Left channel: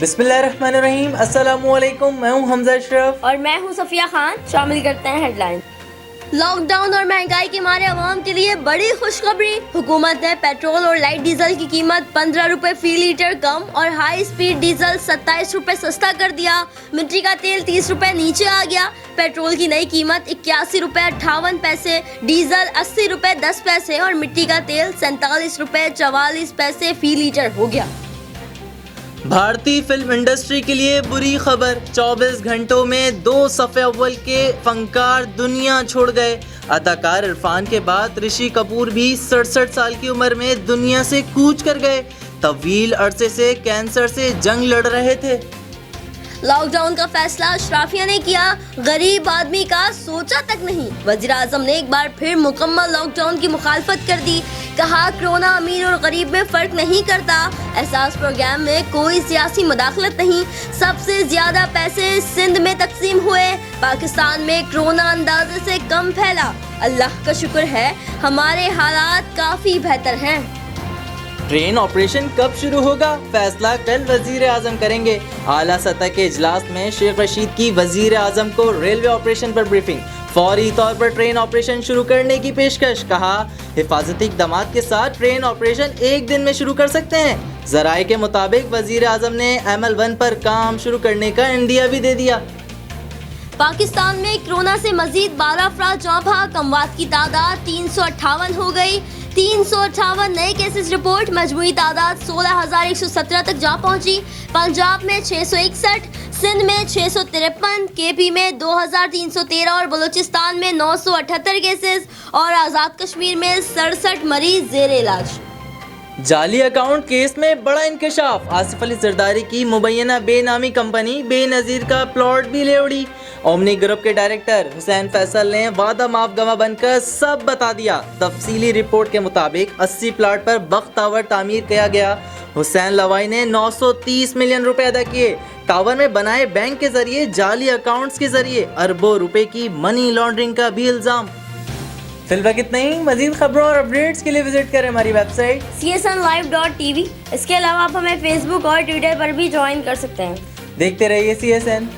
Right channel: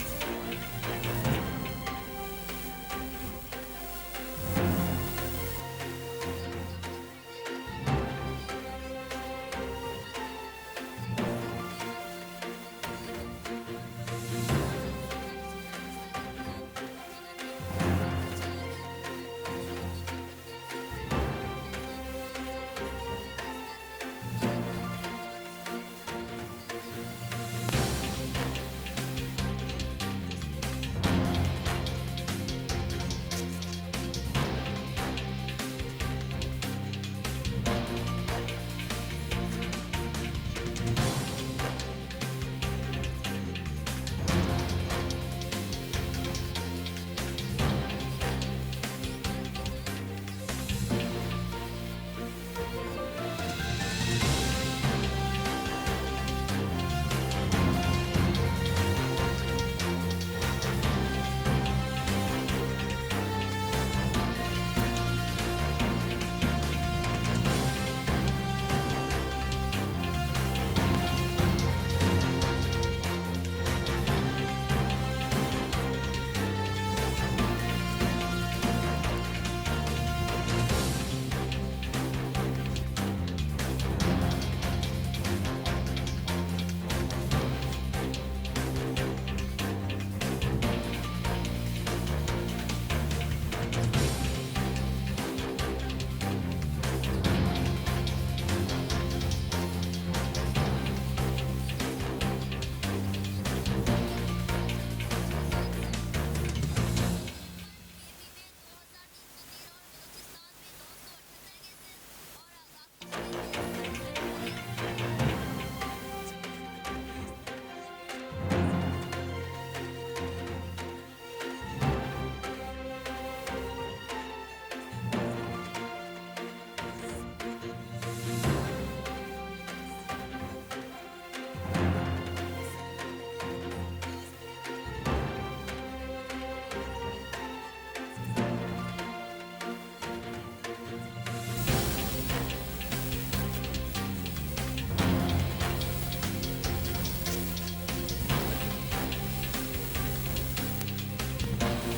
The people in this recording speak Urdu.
بسم اللہ الرحمن الرحیم، السلام علیکم، میں ہوں حمزہ اشرف اور میں ہوں صفیہ خان۔ شامل کرتے ہیں ہیڈ لائن۔ لاک ڈاؤن اور مہنگائی کے مارے عوام کے لیے بڑی خوشخبری، حکومت نے پیٹرول اور لائٹ ڈیزل کی قیمت 15 روپے فی لیٹر کم اور ہائی سپیڈ ڈیزل 27 روپے سستا کر دیا۔ مٹی کا تیل 30 روپے نیچے آ گیا۔ پیٹرول کی نئی قیمت 81 روپے 58 پیسے، ڈیزل 80 روپے 10 پیسے اور مٹی کا تیل 47 روپے 44 پیسے فی لیٹر ہو گیا۔ بھارتی فلم انڈسٹری کے لیے بری خبر، 24 گھنٹوں میں 2 صف اول کے فنکار دنیا چھوڑ گئے۔ اداکار عرفان کے بعد رشی کپور بھی 67 سال کی عمر میں دنیا سے کوچ کر گئے۔ طویل عرصے سے کینسر سے جنگ لڑ رہے تھے۔ لاک ڈاؤن کا فیصلہ اشرافیہ نے کیا، غریب آدمی کا سوچا تک نہیں۔ وزیر اعظم نے ایک بار پھر مکمل لاک ڈاؤن کی مخالفت کر دی، کہا کرونا امیر اور غریب میں فرق نہیں کرتا، احساس پروگرام میں کوئی سیاسی مداخلت نہیں، سب سے زیادہ پیسے سندھ میں تقسیم ہوئے، پاکستان میں کرونا اندازے سے کم پھیلا، اللہ کا شکر ہے ہمارے حالات کافی بہتر ہیں۔ ٹرین آپریشن کب شروع ہوگا؟ فیصلہ کل وزیر اعظم کریں گے۔ اعلیٰ سطح کے اجلاس میں شیخ رشید کی وزیر اعظم کو ریلوے آپریشن پر بریفنگ، فوری طور پر ٹرین آپریشن شروع کرنے کی پیشکش، کہا حفاظتی اقدامات کے ساتھ ٹرین آپریشن ایک دن میں شروع کر سکتے ہیں۔ ذرائع کے مطابق وزیر اعظم نے ML1 پر کام شروع کرنے کا عندیہ بھی دے دیا۔ پاکستان میں کرونا سے مزید 12 افراد جاں بحق، اموات کی تعداد 358 ہو گئی۔ 358 نئے کیسز رپورٹ، مجموعی تعداد 16,117 تک جا پہنچی۔ پنجاب میں 661، سندھ میں 653، KP میں 2,313 اور بلوچستان میں 978 کیسز اور آزاد کشمیر میں 67 مریض زیر علاج۔ جعلی اکاؤنٹ کیس میں بڑا انکشاف، آصف علی زرداری کی مبینہ بے نامی کمپنی بے نظیر کا پلاٹ بھی لے اڑی۔ اومنی گروپ کے ڈائریکٹر حسین فیصل نے وعدہ معاف گواہ بن کر سب بتا دیا۔ تفصیلی رپورٹ کے مطابق 80 پلاٹ پر وقت ٹاور تعمیر کیا گیا۔ حسین لوائی نے 930 ملین روپے ادا کیے۔ ٹاور میں بنائے بینک کے ذریعے جعلی اکاؤنٹس کے ذریعے اربوں روپے کی منی لانڈرنگ کا بھی الزام۔ فی الوقت اتنا ہی، مزید خبروں اور اپڈیٹس کے لیے وزٹ کریں ہماری ویب سائٹ csnlive.tv۔ اس کے علاوہ آپ ہمیں فیس بک اور ٹویٹر پر بھی جوائن کر سکتے ہیں۔ دیکھتے رہیے CSN۔